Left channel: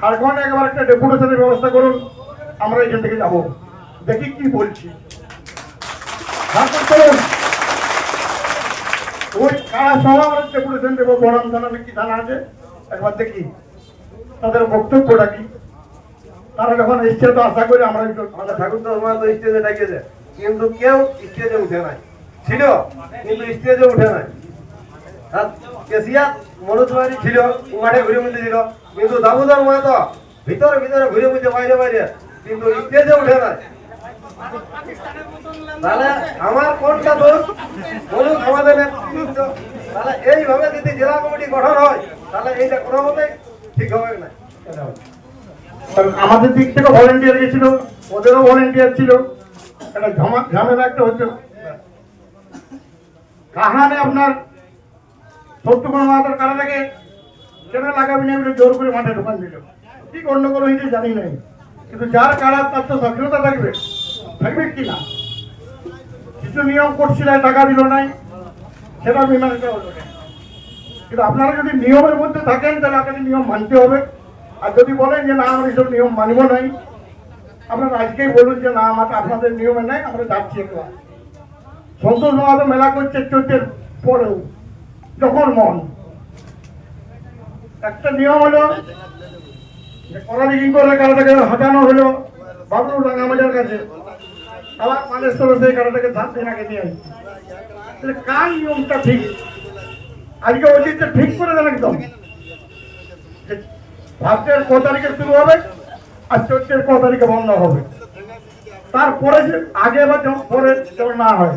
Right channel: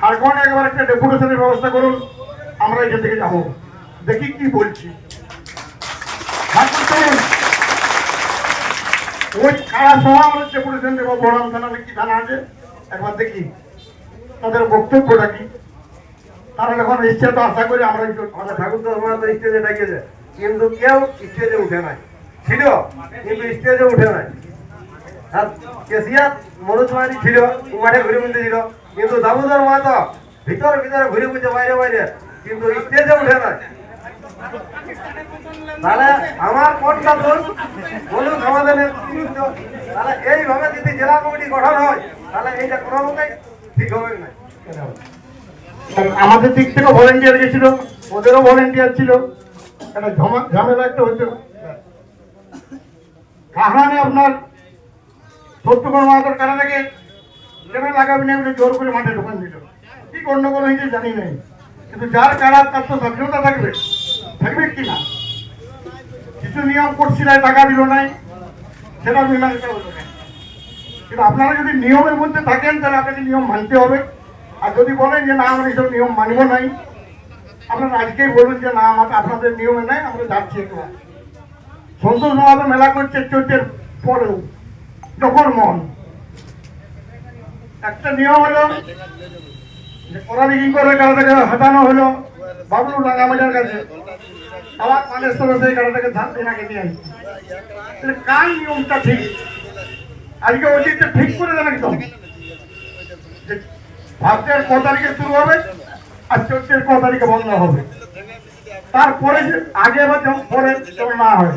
ঝাড়খণ্ড একবার একটা ডেপুটেশনের ব্যবস্থা করুন, আমরা এখান থেকে যাব, দেখি কি বলছি। ঝাড়খণ্ড চলুন, ওই কারা সহ আমরা ডেপুটেশন দেবো। বড়াম থানাতে কি থানা আছে একবার দেখি তাদের বক্তব্যটা কি। তারা যখন এসছে তো আশা করি আমরা ঠাকুর তো স্টেজে ডাকিয়েছে, কিন্তু কেউ স্টেজে উঠে নাই, ছিল কিন্তু স্টেজে উঠে নাই। আর কেসিয়ার মনোজ মাঝি ছিল, মাঠে ঘুরে বুঝতে ছিল, কিন্তু দামোদর মাহাতো ভিতরে ভিতরে ঘুরে বুঝে বাইরে বাইরে, কিন্তু স্টেজে উঠে নাই। তাহলে আমার কোনটা দোষ বলুন আমাদের নেতৃত্ব। তাহলে এইভাবে যদি জেলা কমিটি গঠন হয় তাহলে এইটা কোনো মতেই ঠিক হবে না। আমাদের দিক থেকে ভলেন্টিয়ার গেছিল, ওদেরও ভলেন্টিয়ার ছিল, একটা ঝামেলা একটা হচ্ছে। কাহানে আপনার শত্রুঘ্ন মাহাতোর কারাটাকে কেন লাগাবি না বলে জোর করে মাঠে ঢোকান দিল। কি গন্ডগোল হয়েছে জানি নাই, কিন্তু যার কারা তার তো সক্রিয়তা থাকবে, থাকবে কি না। কিছু নিয়ম করছিল, টাকা দিল নাই, সেটা মীমাংসা হলো না। কিন্তু আপনারা যদি নিয়মের মধ্যে থাকেন তাহলে আপনাকে নিয়ম মানতে হবে। আর যদি বলেন যে না আমরা এইসব নিয়ম মানব নাই, আপনারা আজকেই বলুন যে না আপনাদের নিয়মে নাই, আমরা যাচ্ছি একটু। সন্তোষ মাহাতো মেলা করছে 14 পরেও যখন মন। একটা নিয়ম হলো যে করালি কি করে কারাটাকে হাতানো হলো বাবলু রাঙামাজার কাছে, আবার মানেশ্বর সেই কারাটাকে ধান দিনাকে নিয়ে আসছে। তাহলে কার নিয়মটা ঠিক? আজকে ওই দিকটা ঠিক করে দেন একদম। ভাদ্রের 9 তারিখে শুরু হবে আর 14 9 তারিখে বন্ধ হবে। তারপরে যে আগে বা পরে যেন না হয়,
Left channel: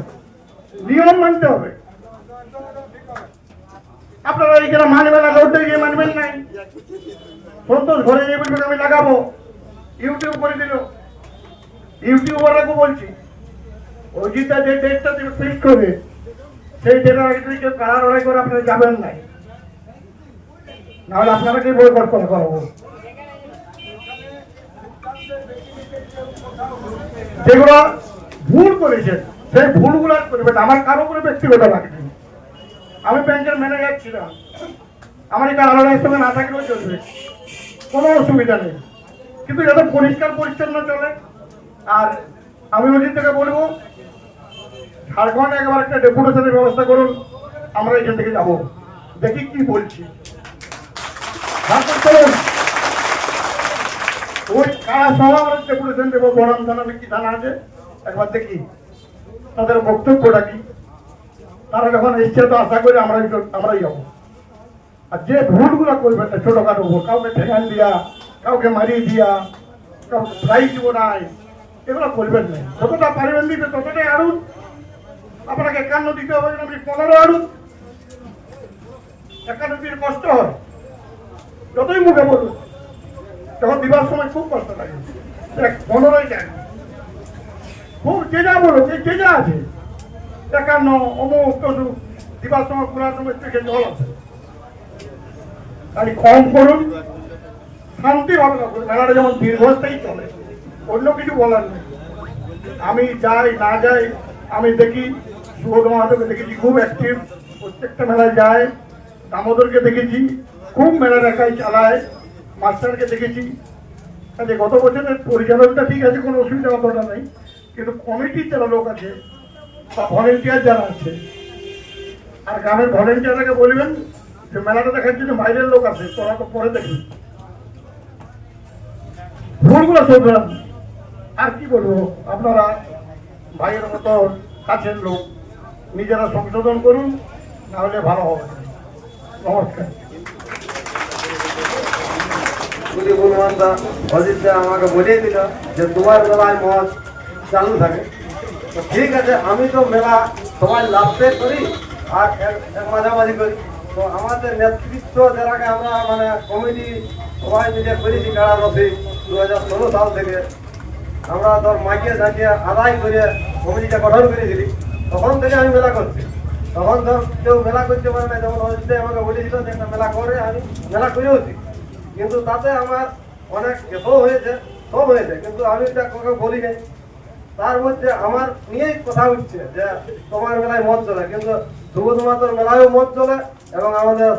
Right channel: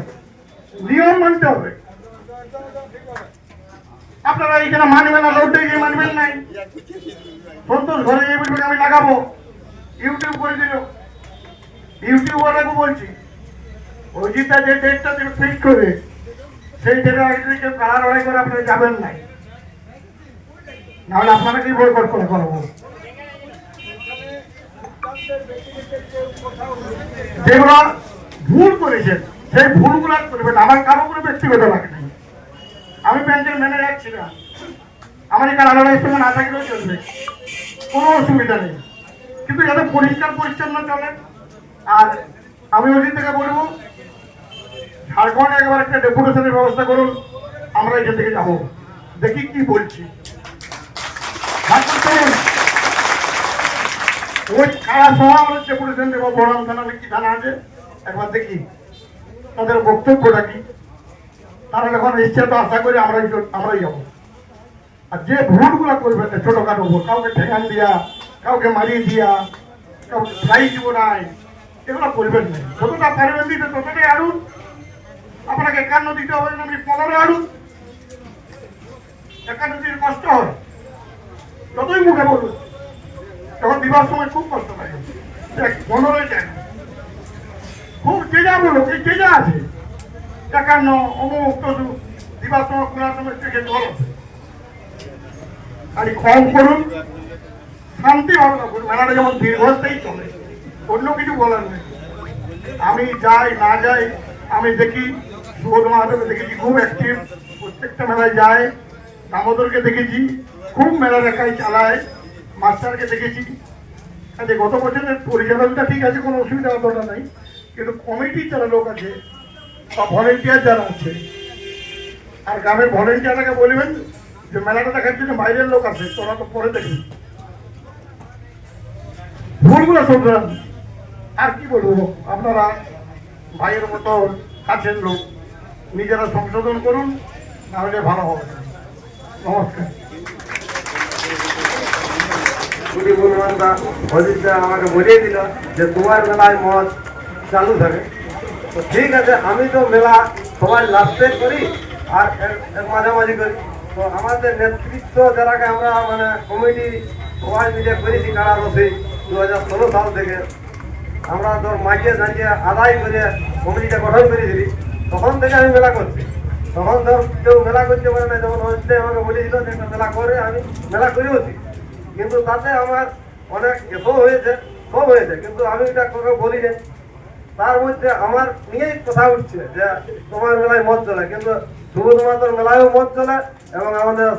নিয়ম মানতে হবে। আপনারা এইখানে মানবেন না, রোডে গিয়ে মানবেন নাই। সন্তোষ ঘরে গিয়ে বলবেন আমি লাগাবো, ইউটিউব করে দিল। ইউটিউবারকে বলছি অজিতা যে ডেটটা তুমি ফিক্স করে সেই ডেটের আগে যদি কেউ কারা লড়াই করে আপনারা যাবেন নাই, নাহলে আপনাকে বয়কট করে করবো। যেগুলো ভুল করেছেন সেই ভুলগুলো করবেন। আমার কারো কোনো ব্যক্তিগত লাগে নাই, আমি ব্যাংকের ম্যানেজার ছিলাম, আমার এই কারা লড়াইয়ের সঙ্গে না থাকলেও চলবে, কোনো অসুবিধা নেই। কিন্তু যাতে পরিষ্কার পরিচ্ছন্ন চলে। আর আমি ওই থেকে বলবো ঝাড়খণ্ড একবার একটা ডেপুটেশনের ব্যবস্থা করুন, আমরা এখান থেকে যাব, দেখি কি বলছি। ঝাড়খণ্ড চলুন, ওই কারা সহ আমরা ডেপুটেশন দেবো। বড়াম থানাতে কি থানা আছে একবার দেখি তাদের বক্তব্যটা কি। তারা যখন এসছে তো আশা করি আমরাই যাবো। আর যে ভুলগুলো করবে ছোটখাটো ভুল, কাউকে ঠেকান দিয়া, কাউকে মারিয়ে দিয়া, কাউকে প্রাইজ দিব নাই, এগুলো করবেন না। যতটা পারবেন দিতে ততটাই আড়ুন। আপনাকে 51 দিতে হবে না, আপনি 15 আড়ুন। 51 দিতে কষ্ট হয়, যতই মুখে বলুন, তখন দিবার সময় খুব কষ্ট লাগে। 15 যায় খুব যে যা বলুন, যে যা আছে 51 অমুক তদু দিবার সময় খোলার সময় জল আছে। খালি কম করুন, শান্তি ভাবে না করুন। মেলাটা যেমন দীর্ঘস্থায়ী চলে, অন্য কিছু বলার নেই। আমি যাই না যাই, আমি দেখি সুবোধ মাহাতোকে দেখেছি খুব অ্যাক্টিভ, প্রত্যেকটা মেলায় যায়। দামোদরকে দেখেছি খুব মেলা দেখায়, চালায়। মাস্টারকে দেখেছি। কাজে গত বছরের পরিচালকটা ঠিক আছে, কোনো অসুবিধা অতটা নাই, কিন্তু কমিটি যারা লোক আছে বা ভলেন্টিয়ার যারা আছে, আর গ্রামের ভলেন্টিয়ারকে বলবেন যে মেলাটা দেখার জন্য বাইরের লোক আছে, তোরা তো পরে দেখবি, ভুলগুলো শোধরান। আর কি বলবো, আপনারা ভাইয়ের মতো কাছের লোক, নিজেরা সংশোধন করুন, না হলে ভালো হবে না। নমস্কার। অজিতদা আমাকে বুঝিয়ে দিল যে তোমার মেলায় মদ চালু থাকে। তো ঠিক আছে, আমি তো মেলা সবাই লাস্টে করি আর মাঝামাঝি করি। তো আমাদের নেতৃত্ব যারাকে আমরা মানে কমিটি সবাই মিলে করেছি কারা বসে 2016 সাল থেকে আমরা ধর মাইকে নাচিয়ে আদায় করে কমিটিটা গঠন করেছিলি, তখন থেকে আমি মেলা করছি। তখন ধর কেউ মেলা করতে পারে না, যেমন হচ্ছে আমাকে বলেছিল যে একটা মেলা করে, আমি মেলা করেওছি। কিন্তু তাতে আমার অনেক এসও হয়েছে, সব হয়েছে, কিন্তু আমি এটা কাউকে বলি না। তার মধ্যে আমার নিয়েই কথা উঠছে যে তোমার মেলায় মদ চলে, কিন্তু সুবোধ মাহাতোর মেলায়ও মদ চলে এবং আমাদের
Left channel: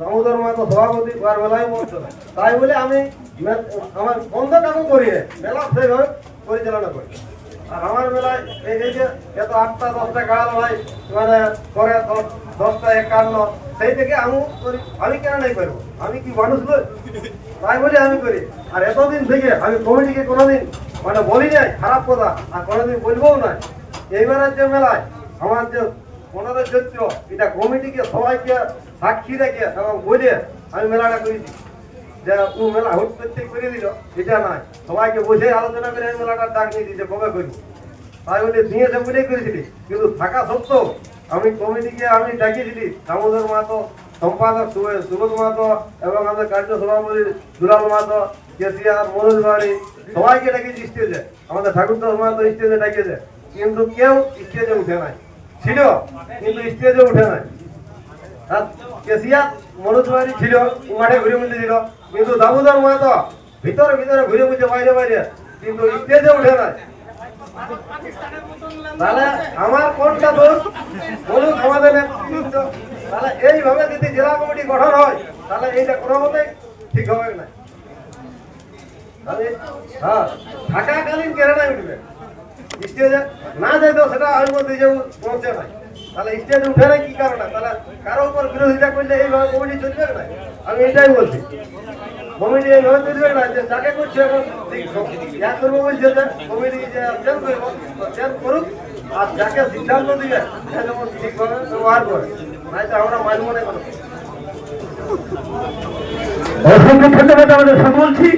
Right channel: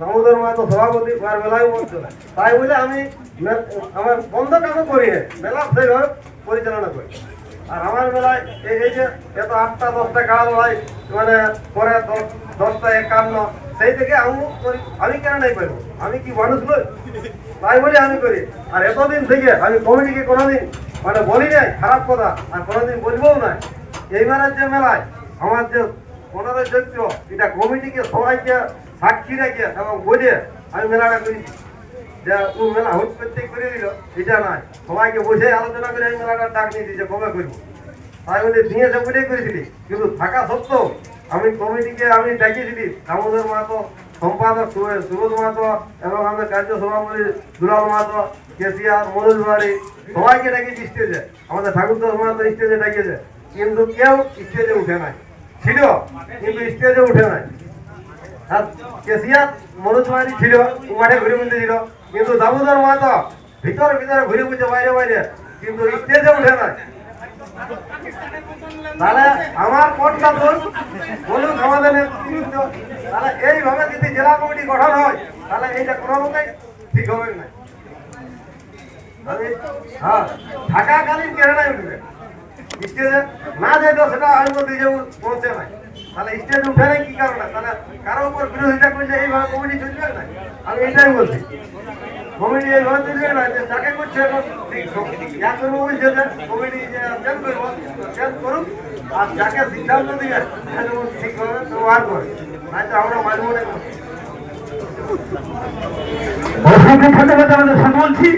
দামোদর মাহাতো সভাপতি আর মেলায় মঞ্চ দেয়। তাই বলে আমি আমার বন্ধটাকে করি না, মেলা সেইভাবে পরিচালনা করি। আর আমার মেলায় এই যে এত 8টা 10টা গাড়াল হয়, মানে পরে 10টা 51, সেই থেকে আমি কেন নাই পারবো? আমি কি মানুষ নই? তাই বলে আমি করি। আর এতদিন থেকে আমি কমিটিকে কোনোদিন মানে বলি নাই খারাপ কথা, আর কোনোদিন বলবও না। এইবারের যে মেলায় আমার যে 15 চৈত্র, এটা কমিটিকে সবাইকে সাক্ষী রেখে এবং বলে আমি মেলাটা করেছি। যে ও মেলা হুট করতে করে দিল এটা নয়, সবাইকে বসে আলোচনা করে আমি মেলাটার ডাক নিয়ে দিয়েছে কবে করবো। তাই বলে দিয়েছে বলে করেছিলি, কিন্তু থাকা সত্ত্বেও আমি কমিটিকে আমি ডাকিয়েছিলি দামোদর মাহাতো, সম্পাদক সুবোধ মাহাতো এবং আমাদের কার্য সভাপতি দুলাল মাহাতো, কেসিয়ার মনোজ বাড়ি, সবাইকে ডাকিয়েছি স্টেজে। আমাদের ঠাকুরদাস মাহাতো স্টেজে ডাকিয়েছে, কিন্তু কেউ স্টেজে উঠে নাই। ছিল কিন্তু স্টেজে উঠে নাই। আর কেসিয়ার মনোজ বাড়ি ছিল, মাঠে ঘুরে বুঝতে ছিল, কিন্তু দামোদর মাহাতো ভিতরে ভিতরে ঘুরে বুঝে বাইরে বাইরে, কিন্তু স্টেজে উঠে নাই। তাহলে আমার কোনটা দোষ বলুন আমাদের নেতৃত্ব? তাহলে এইভাবে যদি জেলা কমিটি গঠন হয়, তাহলে এইটা কোনো মতেই ঠিক হবে না। হ্যাঁ, থাকাকালীন কেরানায় উঠবে, স্টেজে না যাইতো সেটা আমি বলতে যে পৌঁছে নাই। তাহলে স্টেজে উঠে নাই কি কারণে? তাহলে কারো উপর বিরোধিতা করলে এইভাবে কমিটি চলবে না। আমি এটাই বলছি, কমিটি এইভাবে চলবে না। যে যাকে করছে এখন বলছে যে কমিটি চেঞ্জ করুক, আর যাকে সিদ্ধান্ত দিবে সে যেমন ঠিকভাবে ব্যবহার করে, নাই তো আমরা মানব না। অসংখ্য ধন্যবাদ আমাদের সকলছি।